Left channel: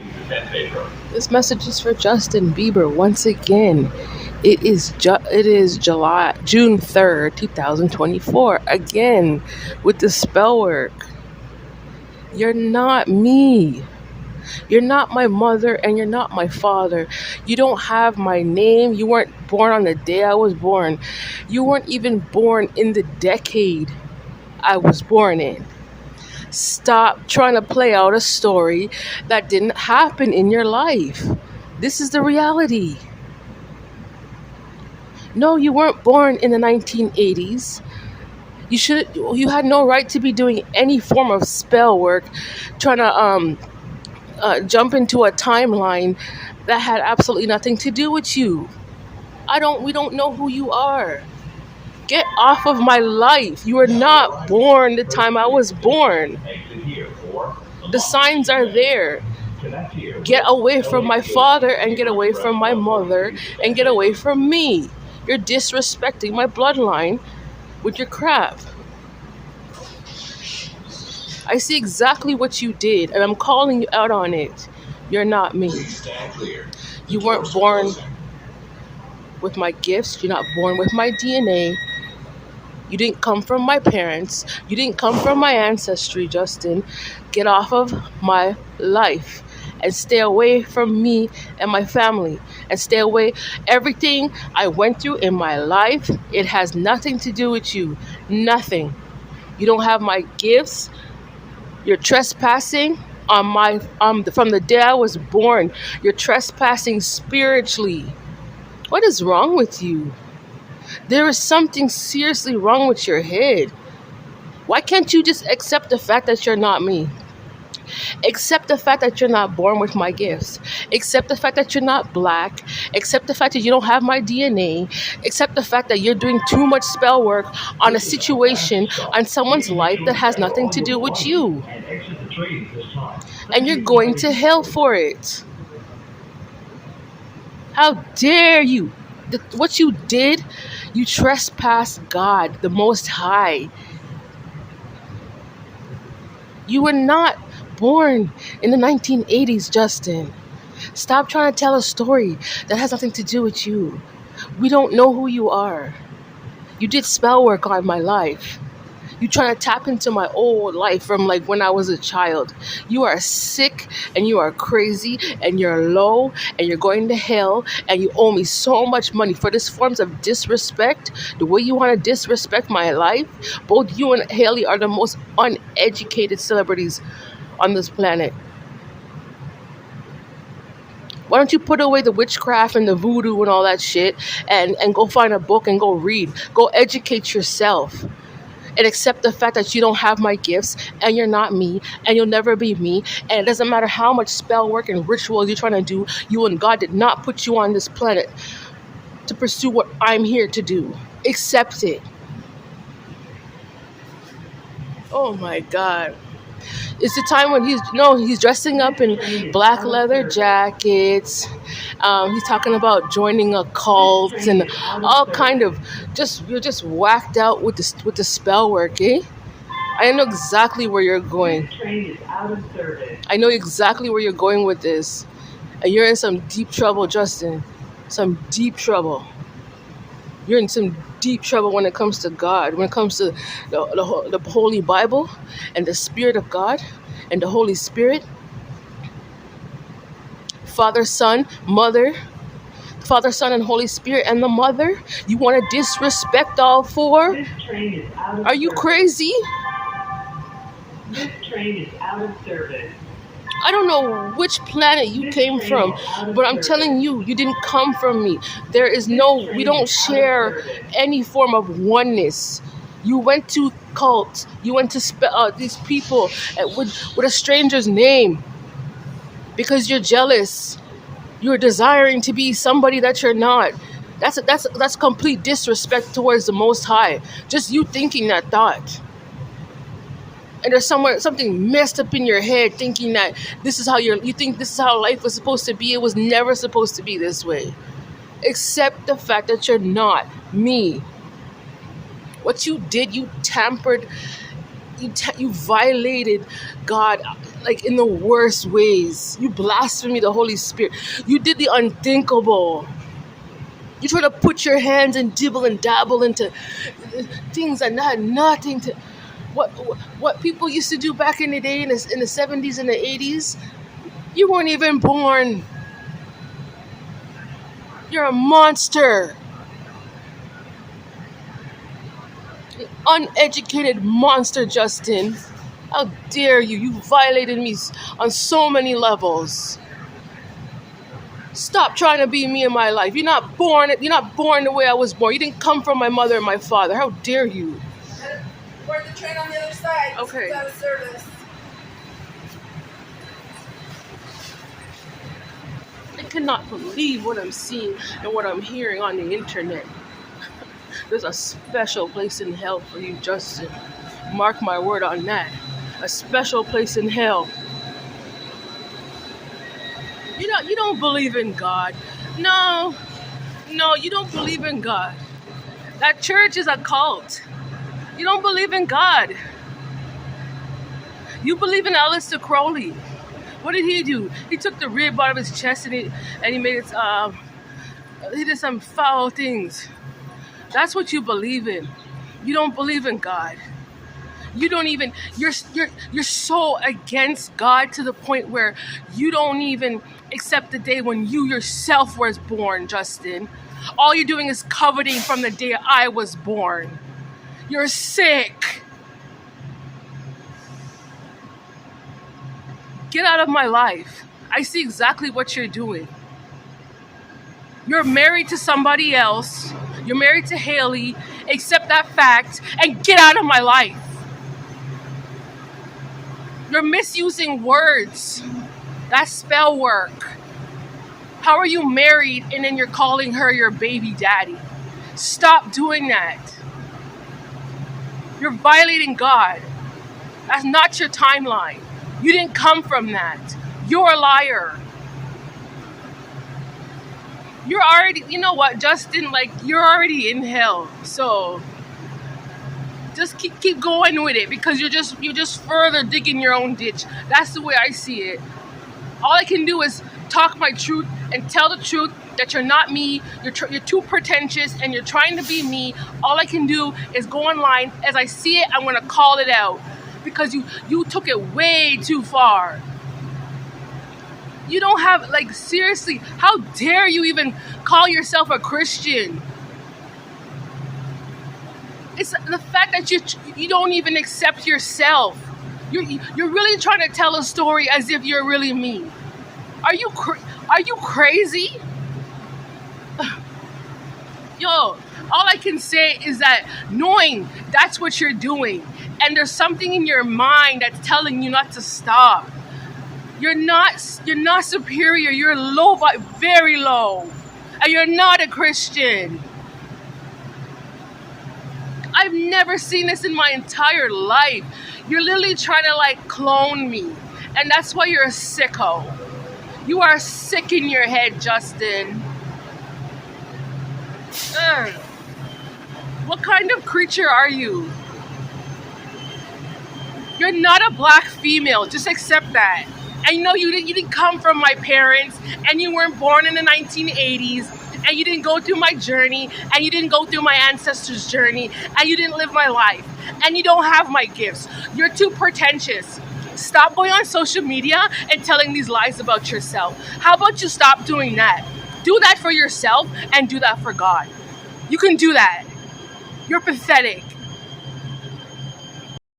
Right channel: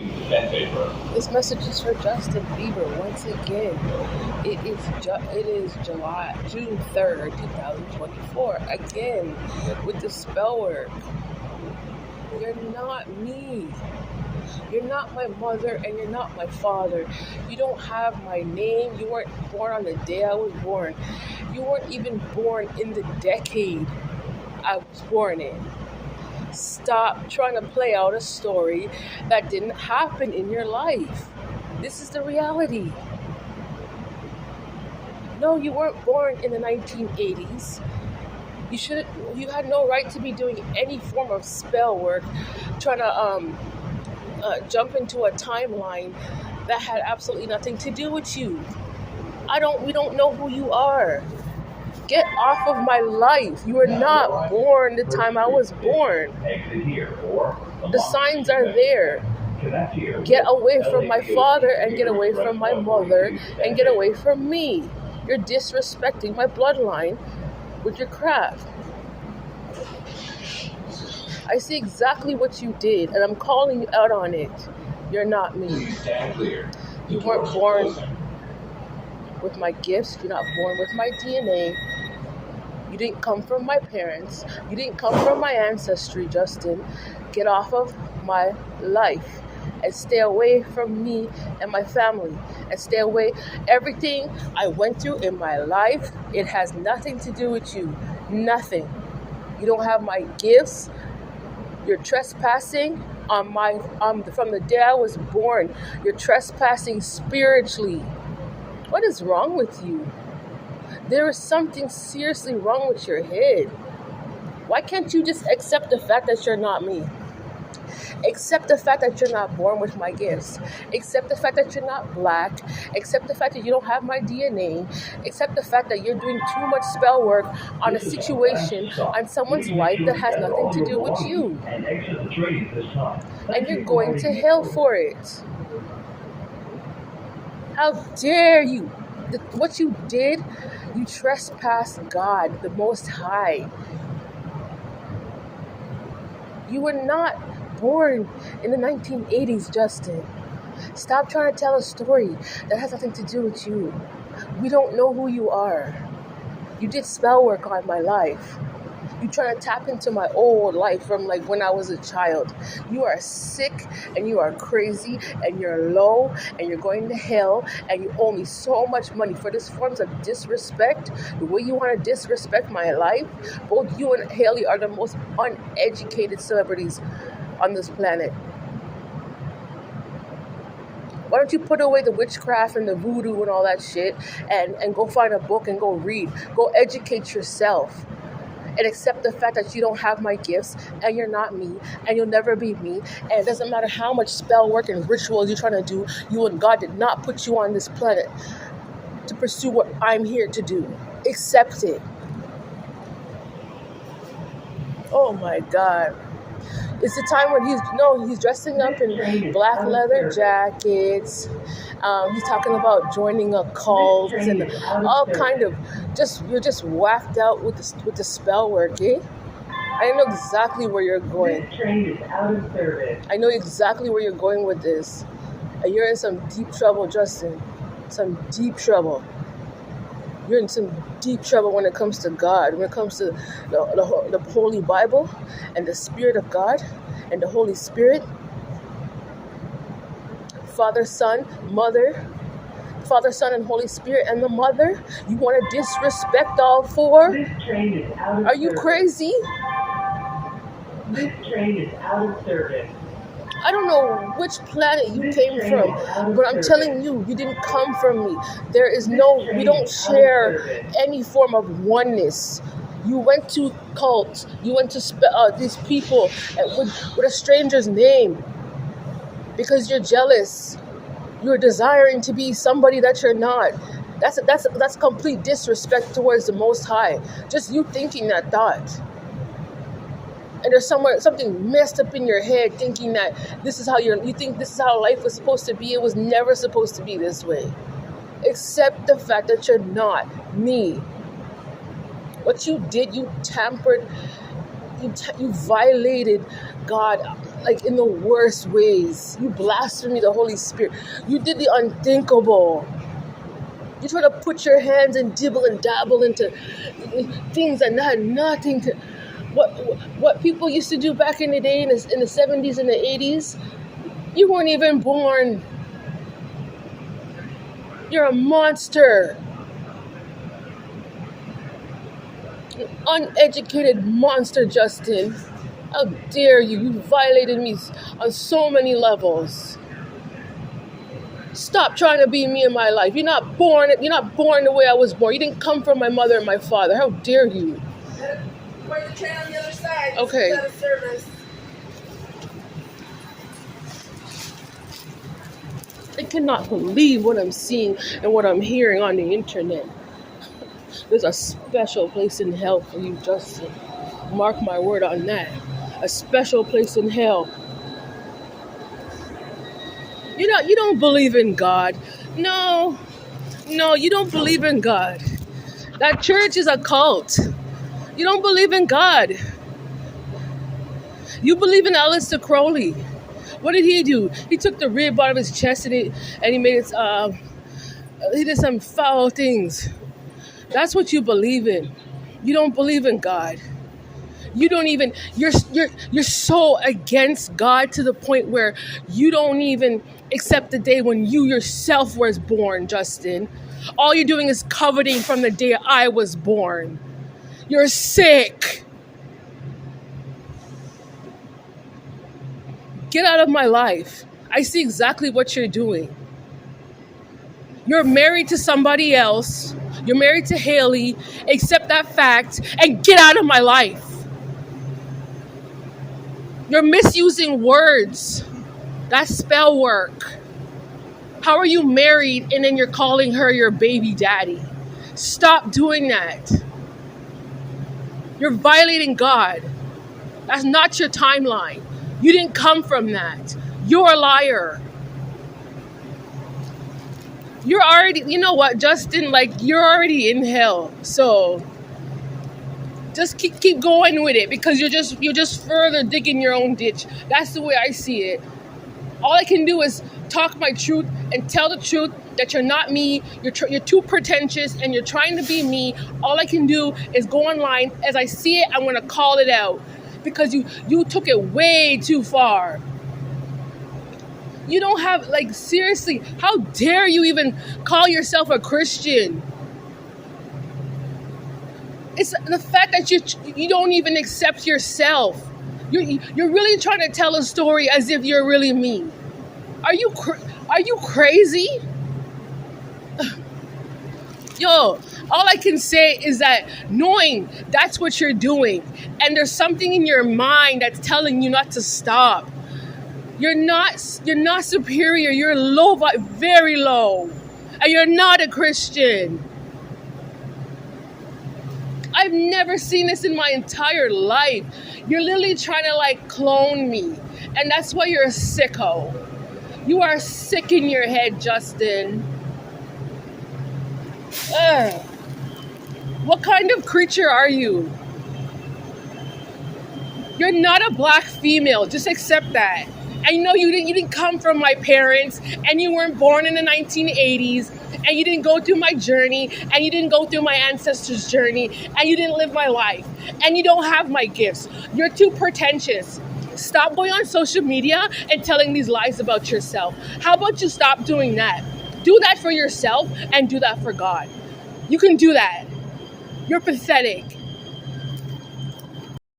This message is for Justin Bieber once again. It is June 3rd, 2024. Again, with the spell work. You're not me. You're not my mother and you're not my father. You don't have my name. You weren't born on the day I was born. You weren't even born in the decade I was born in. Stop trying to play out a story that didn't happen in your life. This is the reality. No, you weren't born in the 1980s. You had no right to be doing any form of spell work, trying to jump into a timeline that had absolutely nothing to do with you. We don't know who you are. Get off of my life. You were not born the time I was born. The signs are there. Get away from my father and get away from my mother and get away from me. You're disrespecting my bloodline with your crap. I see exactly what you did and I'm calling you out on it. You're not me. You weren't born with my gifts. You're not born with my DNA. You didn't come from my parents. You didn't come from my ancestry, Justin. Get off of my life and stay away from me and my family. And stay away. Everything I went through in my life, it has nothing to do with you. Nothing. You don't have my gifts. You're trespassing on from the day I was born. You're trespassing spiritually. What is wrong with you? There is something seriously wrong with your head. Why can't you just accept the fact that you're not me? Accept the fact that you're not born with my gifts. Accept the fact that you're not black. Accept the fact that you don't have my DNA. Accept the fact that you're doing too much spell work on a situation, on someone's life that has nothing to do with you. And you're going to hell for it. How dare you? What you did, you trespassed God, the Most High. You were not born in the 1980s, Justin. Stop trying to tell a story that has nothing to do with you. We don't know who you are. You did spell work on my life. You trying to tap into my old life from like when I was a child. You are sick and you are crazy and you're low and you're going to hell and you owe me so much money for this forms of disrespect. The way you want to disrespect my life. Both you and Haley are the most uneducated celebrities on this planet. Why don't you put away the witchcraft and the voodoo and all that shit and go find a book and go read. Go educate yourself. And accept the fact that you don't have my gifts and you're not me and you'll never be me. And it doesn't matter how much spell work and rituals you're trying to do. You and God did not put you on this planet to pursue what I'm here to do. Accept it. Oh my God. It's the time when he's dressing up in black leather jackets. He's talking about joining a cult and all kind of you're just whacked out with the spell work, eh? I know exactly where you're going. This train is out of service. I know exactly where you're going with this. And you're in some deep trouble, Justin. Some deep trouble. You're in some deep trouble when it comes to God, when it comes to the Holy Bible and the Spirit of God and the Holy Spirit. Father, Son, Mother, Father, Son, and Holy Spirit, and the Mother. You want to disrespect all four? This train is out of Are you service. crazy? This train is out of service. I don't know which planet you came from, but I'm telling you, you didn't come from me. We don't share any form of oneness. You went to cults. You went to these people with a stranger's name because you're jealous. You're desiring to be somebody that you're not. That's complete disrespect towards the Most High. Just you thinking that thought. And there's something messed up in your head thinking that you think this is how life was supposed to be. It was never supposed to be this way. Accept the fact that you're not me. What you did, you tampered, you violated God like in the worst ways. You blaspheme the Holy Spirit. You did the unthinkable. You try to put your hands and dibble and dabble into things that had nothing to what people used to do back in the day in the 70s and the 80s. You weren't even born. You're a monster. An uneducated monster, Justin. How dare you? You violated me on so many levels. Stop trying to be me in my life. You're not born the way I was born. You didn't come from my mother and my father. How dare you? Board the train on the other side. Okay. Out of service. I cannot believe what I'm seeing and what I'm hearing on the internet. There's a special place in hell for you, Justin. Mark my word on that. A special place in hell. You don't believe in God. No, you don't believe in God. That church is a cult. You don't believe in God. You believe in Aleister Crowley. What did he do? He took the rib out of his chest and he made it. He did some foul things. That's what you believe in. You don't believe in God. You don't even. You're so against God to the point where you don't even accept the day when you yourself was born, Justin. All you're doing is coveting from the day I was born. You're sick. Get out of my life. I see exactly what you're doing. You're married to somebody else. You're married to Haley. Accept that fact and get out of my life. You're misusing words. That's spell work. How are you married and then you're calling her your baby daddy? Stop doing that. You're violating God. That's not your timeline. You didn't come from that. You're a liar. You're already, you know what, Justin, like you're already in hell. So just keep going with it because you're just further digging your own ditch. That's the way I see it. All I can do is talk my truth and tell the truth that you're not me. You're too pretentious and you're trying to be me. All I can do is go online. As I see it, I'm going to call it out because you took it way too far. You don't have, like, seriously, how dare you even call yourself a Christian? It's the fact that you don't even accept yourself. You're really trying to tell a story as if you're really me. Are you crazy? Yo, all I can say is that knowing that's what you're doing, and there's something in your mind that's telling you not to stop. You're not superior. You're low, very low, and you're not a Christian. I've never seen this in my entire life. You're literally trying to like clone me, and that's why you're a sicko. You are sick in your head, Justin. Ugh. What kind of creature are you? You're not a black female. Just accept that. I know you didn't come from my parents, and you weren't born in the 1980s, and you didn't go through my journey, and you didn't go through my ancestors' journey, and you didn't live my life, and you don't have my gifts. You're too pretentious. Stop going on social media and telling these lies about yourself. How about you stop doing that? Do that for yourself and do that for God. You can do that. You're pathetic.